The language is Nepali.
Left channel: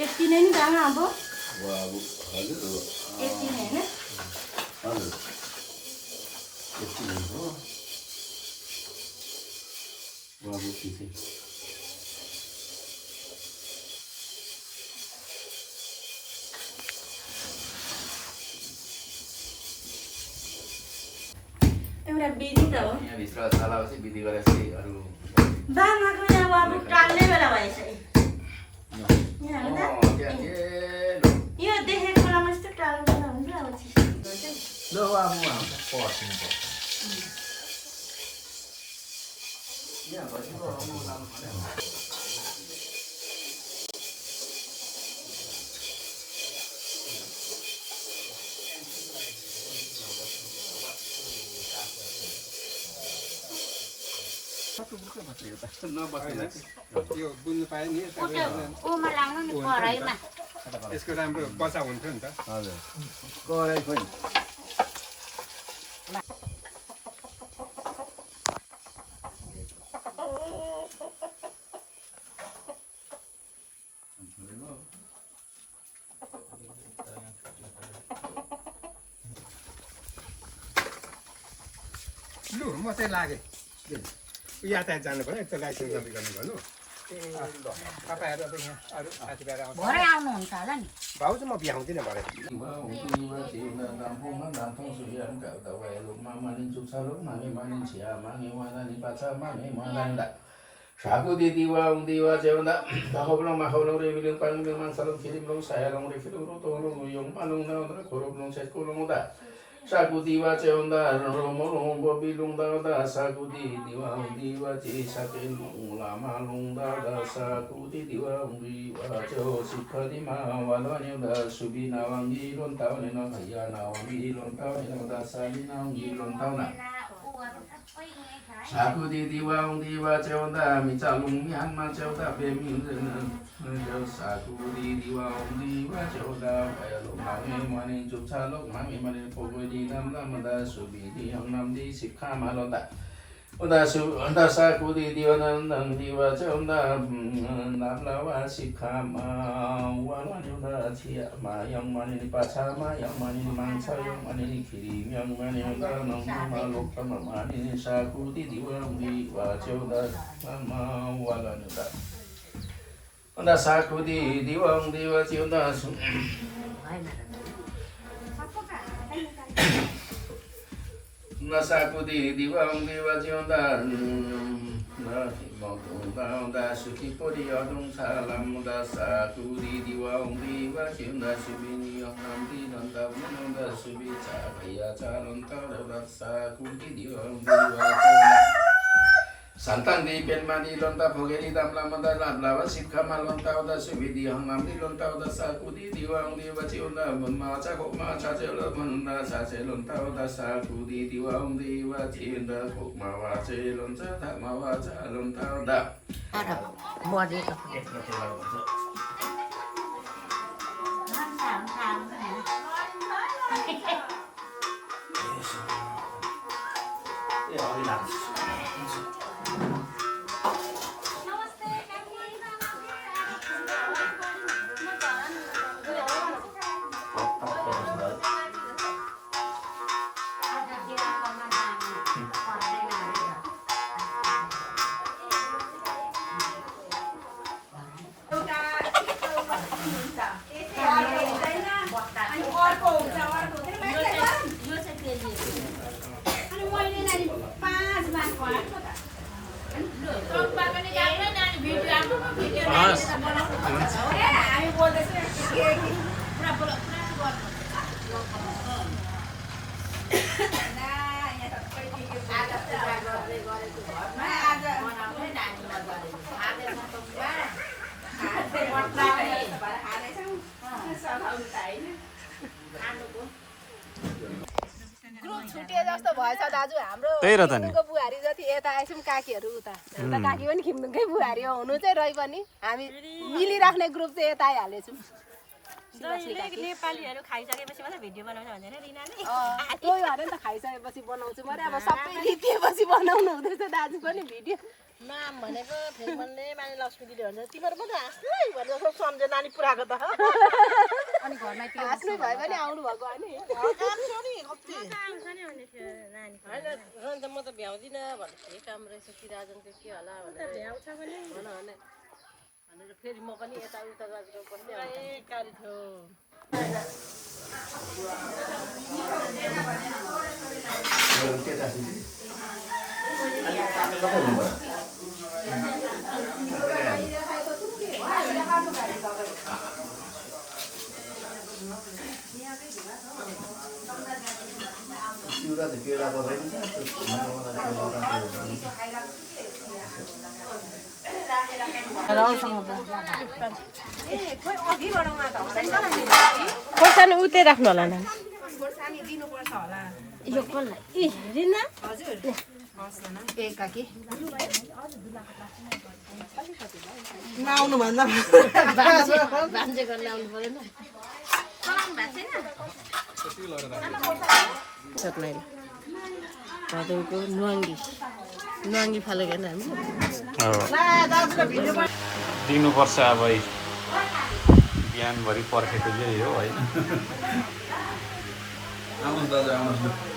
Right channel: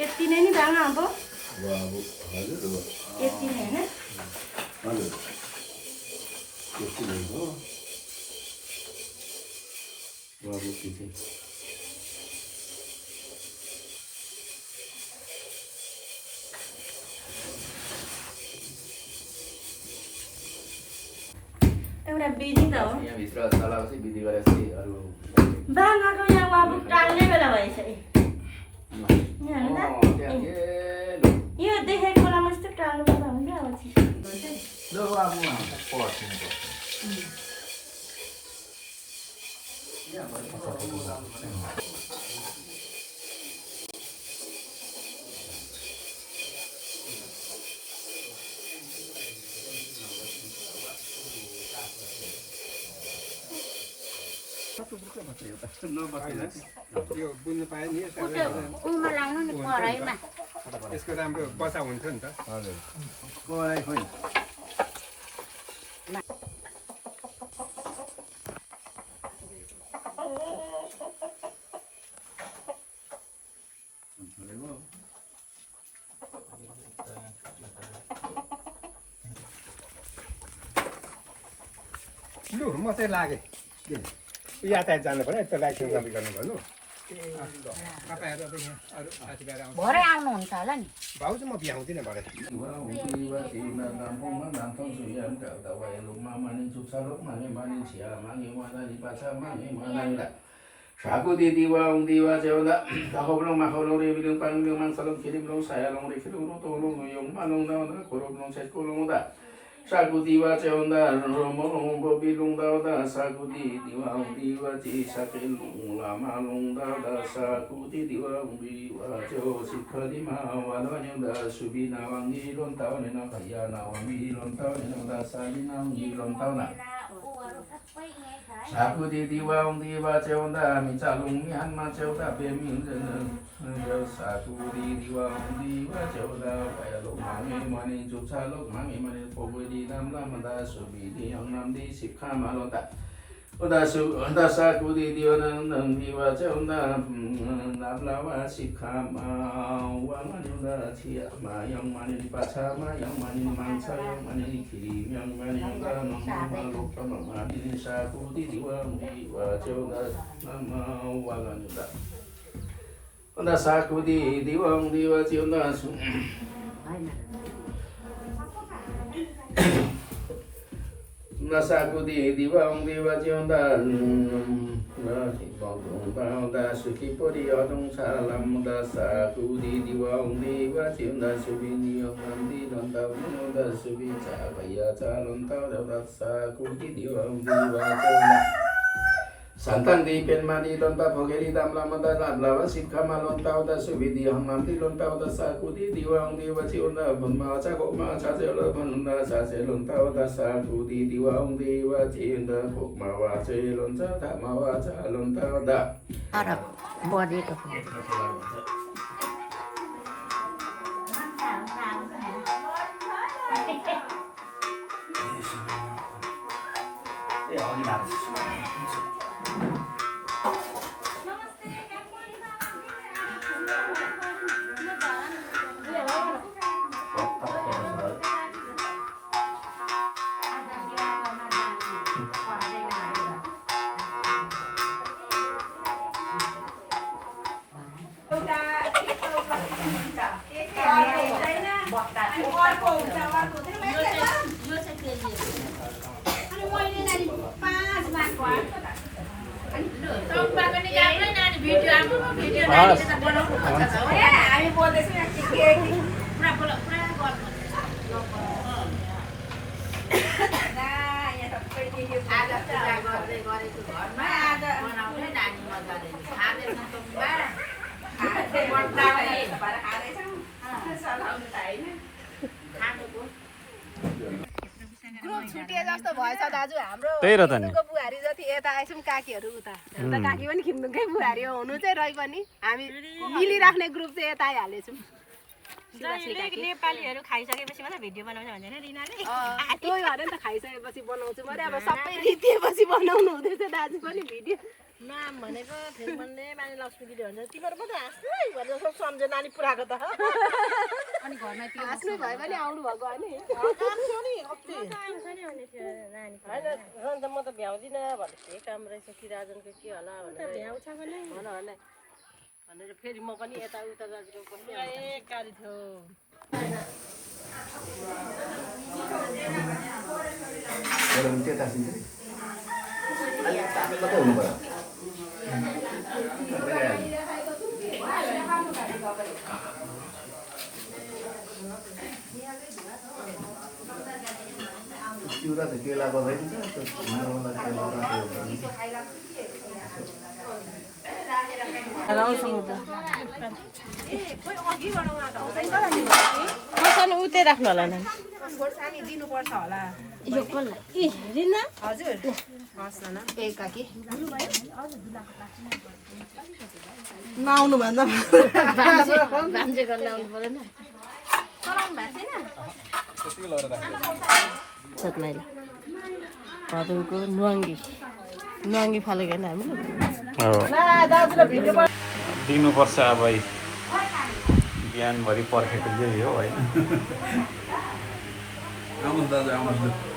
यति नै नि दाम अब हजुर यति नै हैन हजुर यति नै हो बाबु किसी एउटा बिजी त हो यहाँ भित्र चलापछि विधि गरेपछि अरु दानाको यहाँ बाबु टाल्ने बेला भएछ यो देखेको बेलामा यस्तो टाल्ने बेला हुन्छ अब ल अब पर्छिनु पर्छ यो बुझ्नु पाए नि उमा लाउनु नि कराईमा यसको राम्रो बचा हुन्थ्यो नि त हजुर कराई खोइ लु म चाहिँ लागेँ यातायात जानु पर्यो एक त लाइसेन्स कपी गर्नु पर्यो तपाईँहरू अरू साथीभाइहरू आउँछ भरे आउनुहुन्छ होला नि भाउ चाहिँ म भ्याउँदिनँ भरे Saku di diwa jawda kahoblong maholong rebilong panglong mangsalong kiriblong sayalong refilong tolong yung manong daw na kuroblong sekulong da Saku diwa jawda romolong bobilong daw da saku di diwa ji sakilong lamalong daw da saku di diwa jaw sikha di mawalo da subina wangilon taw nino kaya na wangilon taw nino da salina wangilon taw na Saku di diwa jawda mi calung yan ma jawda be mi jaw saku di diwa jawda bayalo mami mani juk calok mami mani pogoi di nam nam da subi di yang nam di sikha malota da saku di diwa nang diwa jawda nam lawa sikha ma wang da chia ma yang mani pacha ma yang mani mangsa yang mani kiri yang mani da nam malok tam mani saku di diwa jawda nama wala da da saku di diwa jawda Nasaku di diwang jawda da suki pori adong salam da saku di diwang jawda subini yang di donta da subi cakaya calon tau da saku di diwang jawda Santan di penmani lonta pogeri dam lama da lawa sikha malon tau da subidi hanam di lonta da saku di diwang jawda bunma cakok ma cacelo manda cacelo tau da saku di diwang jawda kokma wacelon tak ma wacalon tau da तर बढी त छुटे जस्तो भएछ दाजु हाम्रो त्यही र त नि बुहारी जति यता आएछौँ काकीहरू उता उता काकी पनि खिम्नुकै बुहारी हुनु चाहिँ रहि पनि हामी मिलिराख्ने ग्रुप चाहिँ यता आइहालेछौँ नेपालीहरू खाइसकेपछि मात्रै भिडियो बनाउँछ भन्दैन रिनाले त्यो अरे नि त खाइसकेपछि बनाउँछु मैले अब सबै रिपिएपछि बनाउनु हुँदैछ दाजु पनि भिडियो नाम भनेको फेरि भन्ने माने लक्ष्मी दिदी भन्छ तिमीहरू पो त हाँस्नु है भनेर सब सम्झे नानी पुऱ्याएको त अनि घरमा हाँस्नु भयो भने आउनु भएको होइन त म त भ्याउँदिनँ भन्ने काम रहेछ किराजनको के होला भनेर फेरि म पनि यताउता गरेको पनि गाडी थियो चिउरा त केला बगाइन्छ खोर्सानी उतै राख्नु होला नि यो कसलाई ए रिना नआउनु भन्दा भान्जे गर्न आउनु परेन छोटनाइले तपाईँको नुहाङ्गी फालेको होइन हामी दिनुपर्छ अब बिहानभरि पर्खेको यही हो होइन आउनुहोस् दाजु आउनुहोस्